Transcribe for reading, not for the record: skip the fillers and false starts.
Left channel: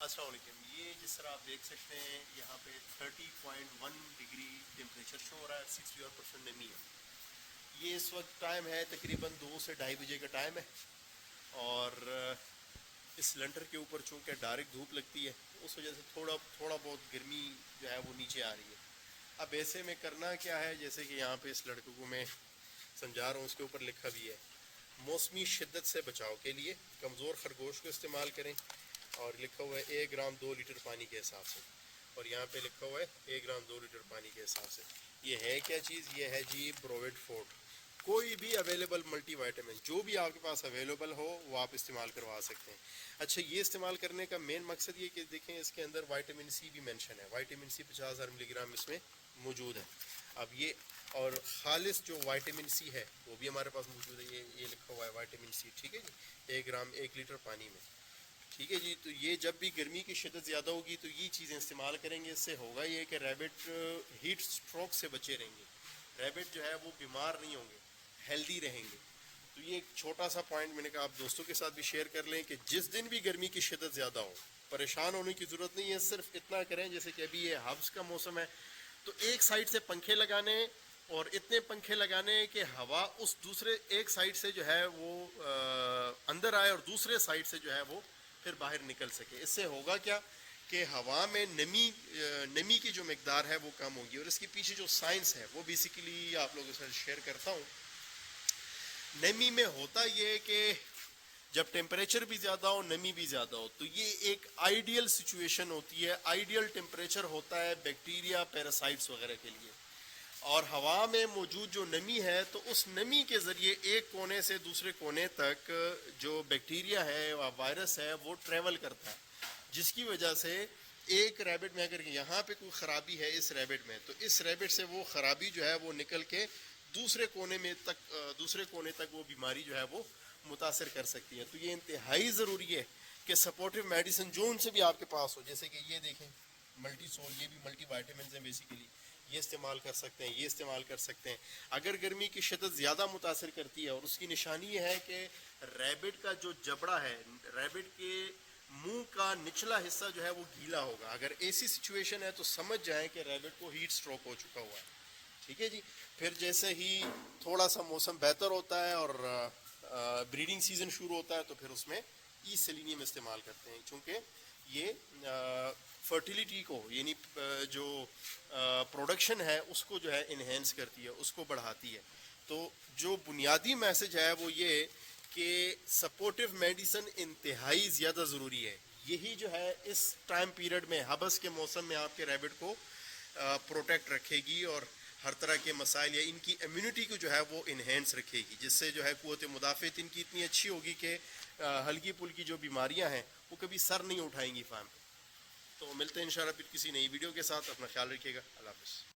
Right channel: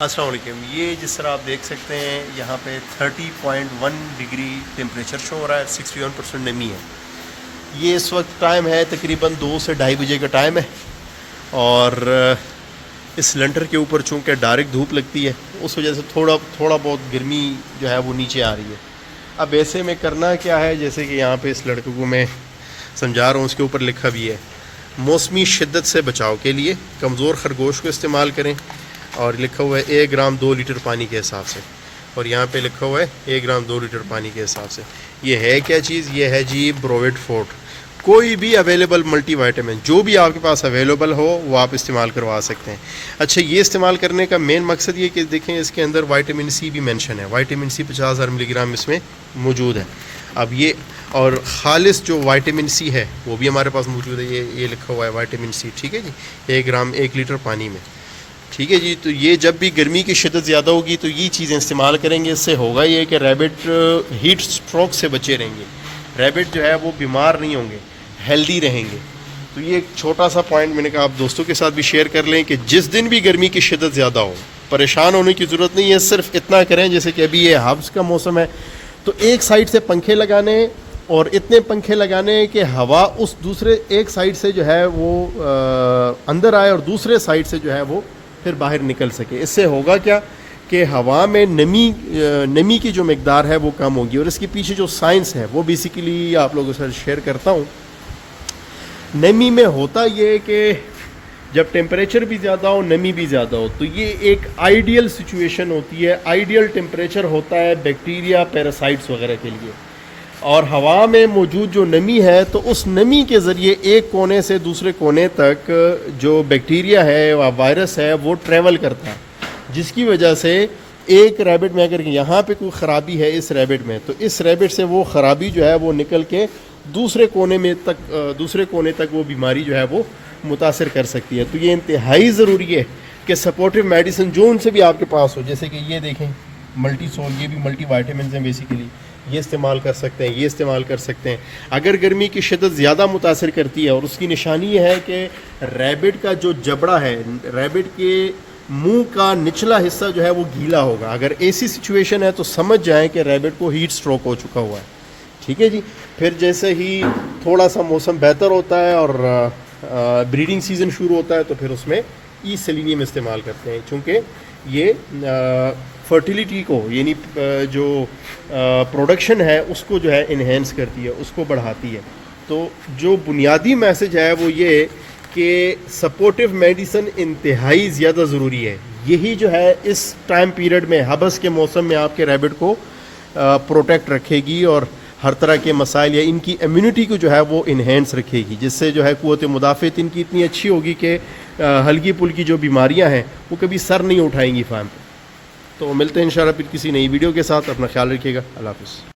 السلام علیکم. یہ جس طرح آپ دیکھ سکتے ہیں یہاں پہ 30.1 ڈگری ٹیمپریچر شو ہو رہا ہے, 61% نمی ہے. یہ اس وقت ٹائم ہے تقریباً 2 سے 2:30 بجے کا ٹائم ہے, اور اس لنٹر کے اوپر چونکہ ڈائریکٹ دھوپ لگتی ہے اس وجہ سے تھوڑا بہت گرمی جو ہے وہ نیچے آ رہی ہے. اب ایسے میں کرنا کیا ہے, جیسے کہ یہاں پہ اس لڑکے کو میں سمجھا رہا ہوں, اس کے اوپر لکھا بھی ہے موسمی شدت سے بچاؤ کے لیے کمزور خرگوش کو استعمال کریں, اور لکھا ہوا ہے 1 گرام 2 لیٹر پانی کے حساب سے, اور یہاں پہ لکھا ہوا ہے 1 گرام 2 لیٹر پانی کے حساب سے. یہ ہے کیا چیز؟ یہ ہے جی بروویٹ فورٹ. کوئی بھی اویلیبل ملٹی وائٹامن جو بھی آپ کے پاس اویلیبل ہو وہ آپ استعمال کروا سکتے ہیں. اچھا, یہ استعمال کرنے کا مین مقصد یہ کہ دیکھیں اس کے اندر وائٹامن سی بھی مینشن ہے. وائٹامن سی 50,000 ملی گرام اس میں موجود ہے. اب یہ اور خالص جو وائٹامن سی ہے وہ بھی ہمارے پاس موجود ہے. یہ لکھا ہوا ہے وائٹامن سی, ٹھیک ہے جی, 1 گرام 1 لیٹر پانی میں, ٹھیک ہے جی. تو یہ جب بھی گرمی کی شدت زیادہ ہوگی تو یہ چیزیں استعمال کریں گے. اس سے ہوگا یہ کہ ریبٹ ہیٹ سٹروک سے بچے رہیں گے, ریبٹ جو ہے وہ بیمار نہیں ہوں گے, ہیلدی رہیں گے. تو یہ ایک چھوٹا سا پوائنٹ میں نے کہا آپ دوستوں کے ساتھ بھی شیئر کر لیں کہ جس دن بھی گرمی کی شدت زیادہ ہو پریشان ہونے کی ضرورت نہیں ہے. صرف اتنا کریں, جیسے کہ ابھی یہ ہبس کا موسم ہے تو ایک سائڈ سے پنکھے لگانے, اور اتنے پنکھے لگانے کہ ہوا اس دوسرے ایک سائڈ سے جو ہے وہ اندر آئے اور دوسرے سائڈ سے جو ہے وہ پھر باہر نکل سکے. اس سے ہوگا کیا کہ ہوا میں نمی کی جو مقدار ہے وہ کم ہوگی. اور اس کے پیچھے جو سائنس ہے وہ بیسیکلی آپ لوگوں سے شیئر کرتا ہوں. نمی میں ہوتا یہ کہ جب ٹیمپریچر بھی زیادہ ہو نمی بھی زیادہ ہو تو یہ ایک آئیڈیل سچویشن ہوتی ہے. آئیڈیل ٹیمپریچر ہوتا ہے بیکٹیریا پیراسائٹس وغیرہ کے لیے, اور ہوا میں موجود جو نمی ہے تو اس نمی کے ذریعے ایک کونے سے دوسرے کونے تک جو بیکٹیریا ہے یا وائرس ہے وہ ٹریول کرتا ہے, جس کی وجہ سے ایک ریبٹ میں اگر یہاں پہ کوئی خرابی ہے اس ریبٹ میں تو اس ریبٹ سے وہ خرابی جو ہے وہ نکل کے دوسرے کونے تک وہ بیماری جو ہے وہ متاثر کر سکتی ہے. تو یہ انتہائی ضروری ہے کہ سپورٹیو میڈیسن جو ان سے بھی آپ کے پاس ہو, جیسے کہ یہ دیکھیں ملٹی سول, یہ بھی ملٹی وائٹامنز ہیں بیسیکلی, یہ استعمال کر سکتے ہیں, یہ استعمال کر سکتے ہیں. اگر گرمی کی شدت زیادہ متاثر کرتی ہے, اور اس کی نشانی یہ ہے کہ ریبٹ کا جو جبڑا ہے, ریبٹ کے منہ کا نچلا حصہ جو ہے وہ گیلا ہوگا. اگر ایسی سچویشن ہے تو سمجھ جائیں کہ ریبٹ کو ہیٹ سٹروک ہو چکا ہوا ہے, ٹھیک ہے جی. پھر جیسے ہی تھوڑا سا موسم بہتر ہوتا ہے اور بریڈنگ سیزن شروع ہوتا ہے تو پھر اس میں ای سیلینیم استعمال کرتے ہیں, چونکہ یہ فرٹیلیٹی کو یعنی جو پروڈکشن ہے اس کو جو ہے انہینس کرتی ہے, اس کو بڑھاتی ہے. تو جو بنیادی میسج ہے وہ یہ کہ سپورٹیو میڈیسن انتہائی زیادہ ضروری ہے. یہی جو ہے اس ٹائم پیریڈ میں ہبس کے موسم میں آپ کے ریبٹ کو پروٹیکٹ رکھے گی, اور ہر طرح کے مسائل یا ان کی امیونٹی کو جو ہے وہ انہینس رکھے گی, جس سے جو ہے قوت مدافعت ان کی اتنی اچھی ہوگی کہ ہلکی پھلکی جو بیماریاں ہیں وہ کبھی سر نہیں اٹھائیں گی فارم پہ. تو ملتے ہیں انشاءاللہ پھر کسی نئی ویڈیو کے ساتھ. اپنا خیال رکھیے گا. اللہ حافظ.